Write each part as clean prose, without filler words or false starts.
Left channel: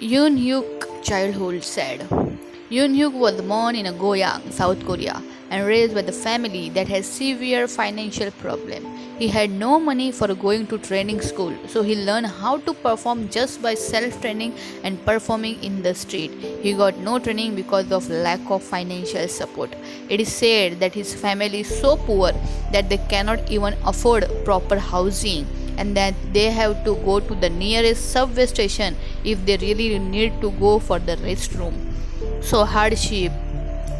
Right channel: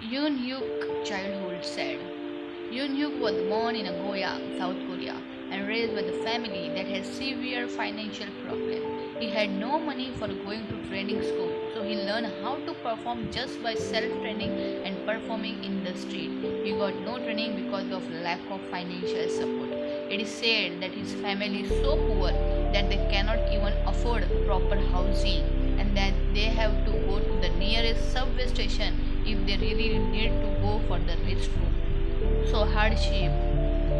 Yoon Hyuk childhood said. Yoon Hyuk was born in Goyang, South Korea, and raised by the family that has severe financial problem. He had no money for going to training school, so he learned how to perform just by self-training and performing in the street. He got no training because of lack of financial support. It is said that his family is so poor that they cannot even afford proper housing and that they have to go to the nearest subway station if they really need to go for the restroom. So hardship,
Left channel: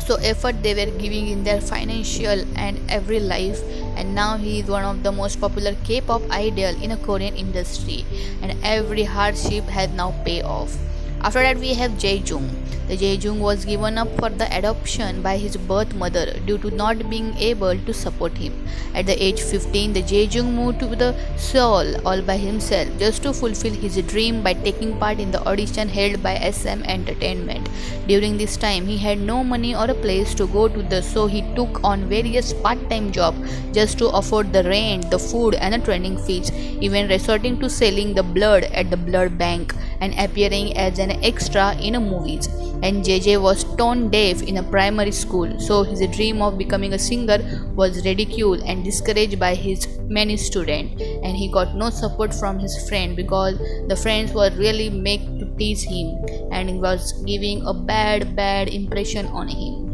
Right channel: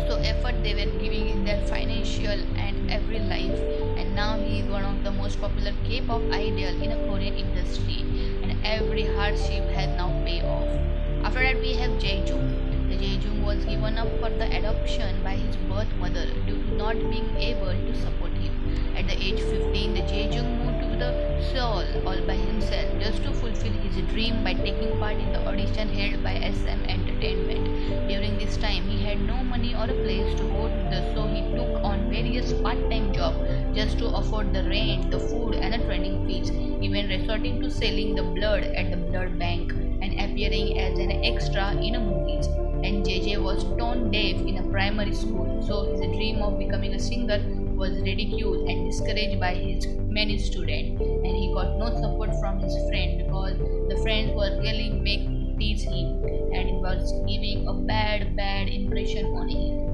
so effort they were giving in their financial and every life, and now he is one of the most popular K-pop idol in a Korean industry, and every hardship has now paid off. After that we have Jae-jung. The Jae-jung was given up for the adoption by his birth mother due to not being able to support him. At the age 15, the Jae-jung moved to the Seoul all by himself just to fulfill his dream by taking part in the audition held by SM Entertainment. During this time, he had no money or a place to go to, so he took on various part-time jobs just to afford the rent, the food, and the training fees, even resorting to selling the blood at the blood bank and appearing as an extra in a movies. And JJ was tone deaf in a primary school, so his dream of becoming a singer was ridiculed and discouraged by his many students, and he got no support from his friend because the friends were really make to tease him and it was giving a bad impression on him.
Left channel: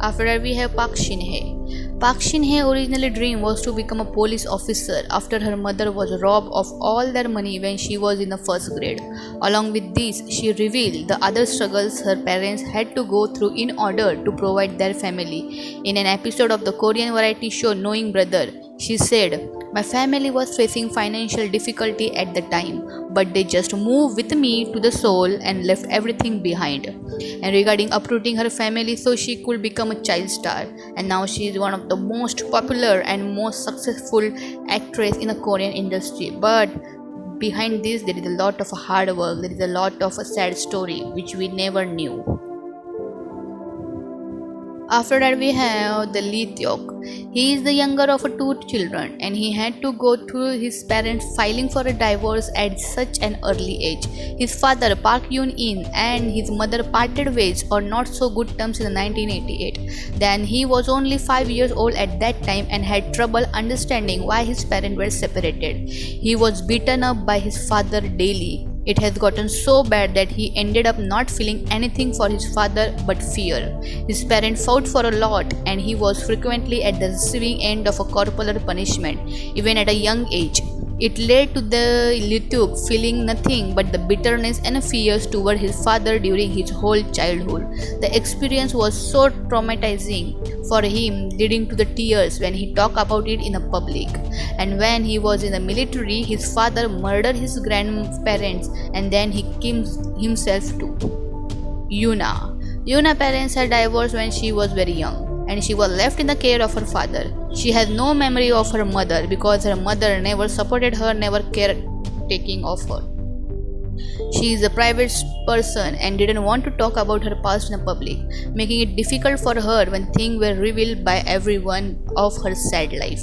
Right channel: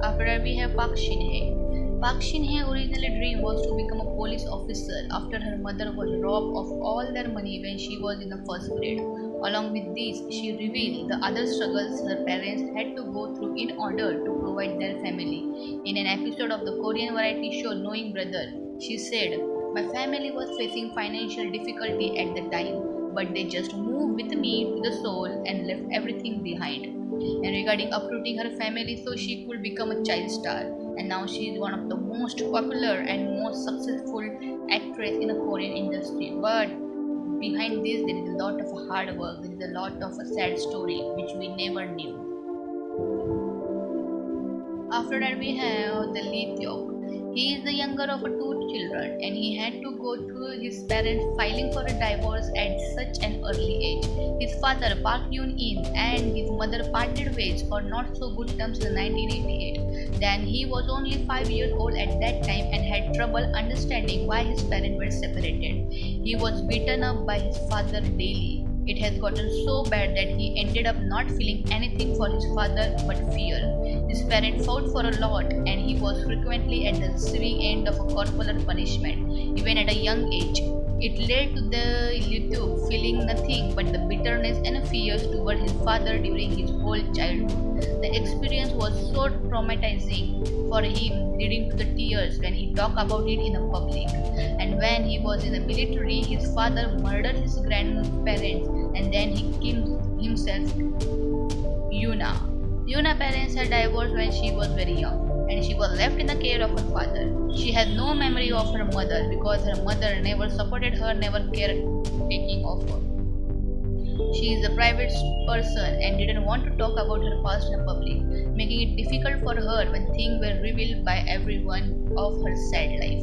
After that, we have Park Shin-hye. Park Shin-hye originally dream was to become a police officer after her mother was robbed of all their money when she was in the first grade. Along with this, she revealed the other struggles her parents had to go through in order to provide their family. In an episode of the Korean variety show Knowing Brother, she said, "My family was facing financial difficulty at the time, but they just moved with me to the Seoul and left everything behind." And regarding uprooting her family so she could become a child star, and now she is one of the most popular and most successful actress in the Korean industry. But behind this, there is a lot of hard work, there is a lot of a sad story which we never knew. After that, we have the Lee Tyok. He is the younger of two children, and he had to go through his parents filing for a divorce at such an early age. His father, Park Yoon-in, and his mother parted ways on not so good terms in 1988. Then he was only 5 years old at that time and had trouble understanding why his parents were separated. He was beaten up by his father daily. It has gotten so bad that he ended up not feeling anything for his father but fear. His parents fought for a lot and he was frequently at the receiving end of a corporal punishment, even at a young age. It led to the Lituk feeling nothing but the bitterness and fears toward his father during his whole childhood. The experience was so traumatizing for him, leading to the tears when he talked about it in the public. And when he was in the military, his father murdered his grandparents and then he killed himself too. Yuna. Yuna's parents had divorced when she was very young and she was left in the care of her father. She has no memory of her mother because her mother never supported her, never cared taking of her. She is a private person and didn't want to talk about her past in public, making it difficult for her when things were revealed by everyone of her sad life.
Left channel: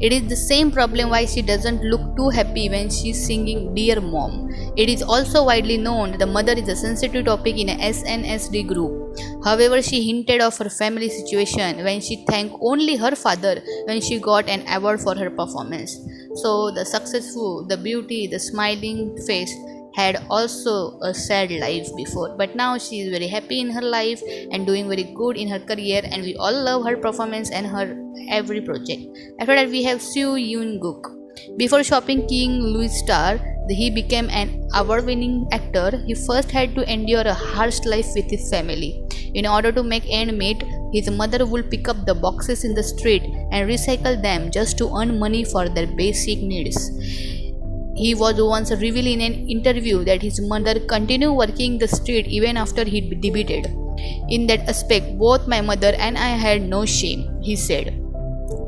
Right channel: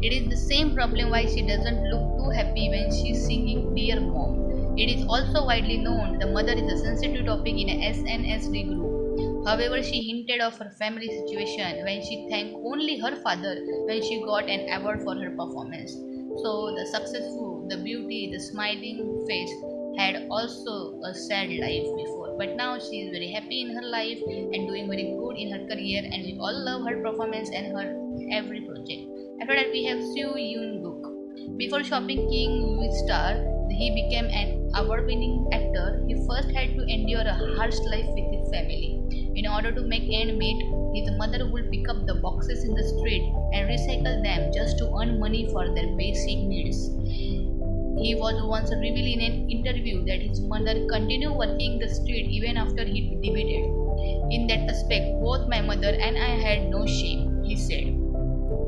It is the same problem why she doesn't look too happy when she's singing Dear Mom. It is also widely known that the mother is a sensitive topic in a SNSD group. However, she hinted of her family situation when she thanked only her father when she got an award for her performance. So the successful, the beauty, the smiling face had also a sad life before, but now she is very happy in her life and doing very good in her career, and we all love her performance and her every project. After that, we have Soo Yoon Guk. Before shopping King Louis Star, he became an award-winning actor. He first had to endure a harsh life with his family. In order to make end meet, his mother would pick up the boxes in the street and recycle them just to earn money for their basic needs. He was once revealed in an interview that his mother continued working the street even after he debuted. "In that aspect, both my mother and I had no shame," he said.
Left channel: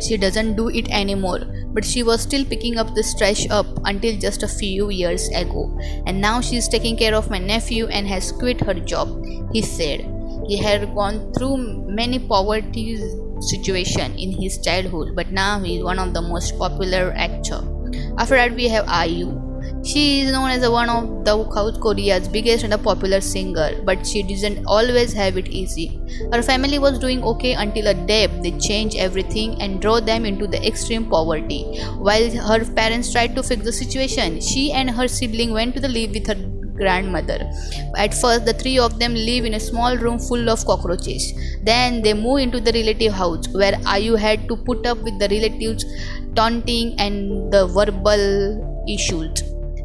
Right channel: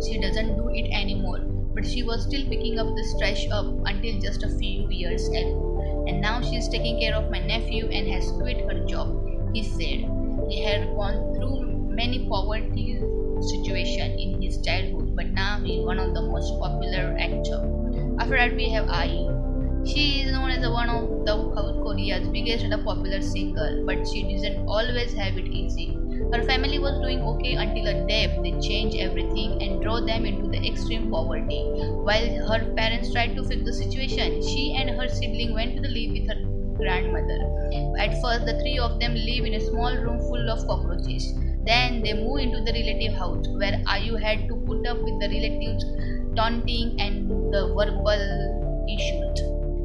She doesn't do it anymore, but she was still picking up the trash up until just a few years ago. And now she is taking care of my nephew and has quit her job, he said. He had gone through many poverty situations in his childhood, but now he is one of the most popular actors. After that, we have IU. She is known as one of the South Korea's biggest and popular singer, but she didn't always have it easy. Her family was doing okay until a day they changed everything and drove them into the extreme poverty. While her parents tried to fix the situation, she and her sibling went to the live with her grandmother. At first, the three of them live in a small room full of cockroaches. Then they move into the relative house where Ayu had to put up with the relatives' taunting and the verbal issues.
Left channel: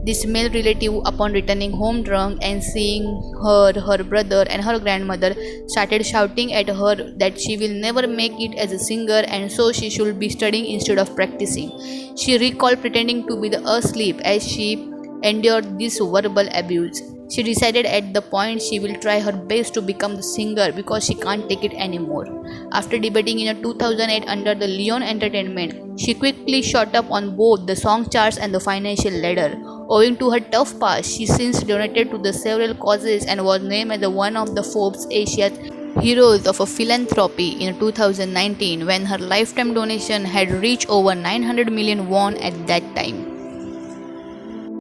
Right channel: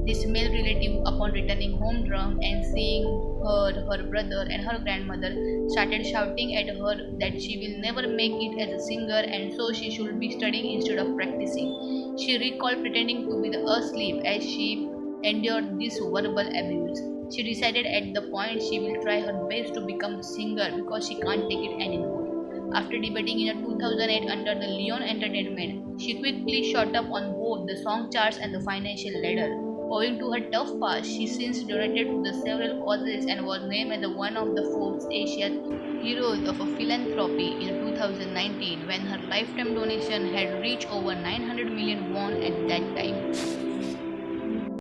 This male relative, upon returning home drunk and seeing her brother, and her grandmother, started shouting at her that she will never make it as a singer and so she should be studying instead of practicing. She recalled pretending to be asleep as she endured this verbal abuse. She decided at the point she will try her best to become the singer because she can't take it anymore. After debuting in 2008 under the Leon Entertainment, she quickly shot up on both the song charts and the financial ladder. Owing to her tough past, she since donated to the several causes and was named as one of the Forbes Asia's Heroes of a Philanthropy in 2019 when her lifetime donation had reached over 900 million won at that time.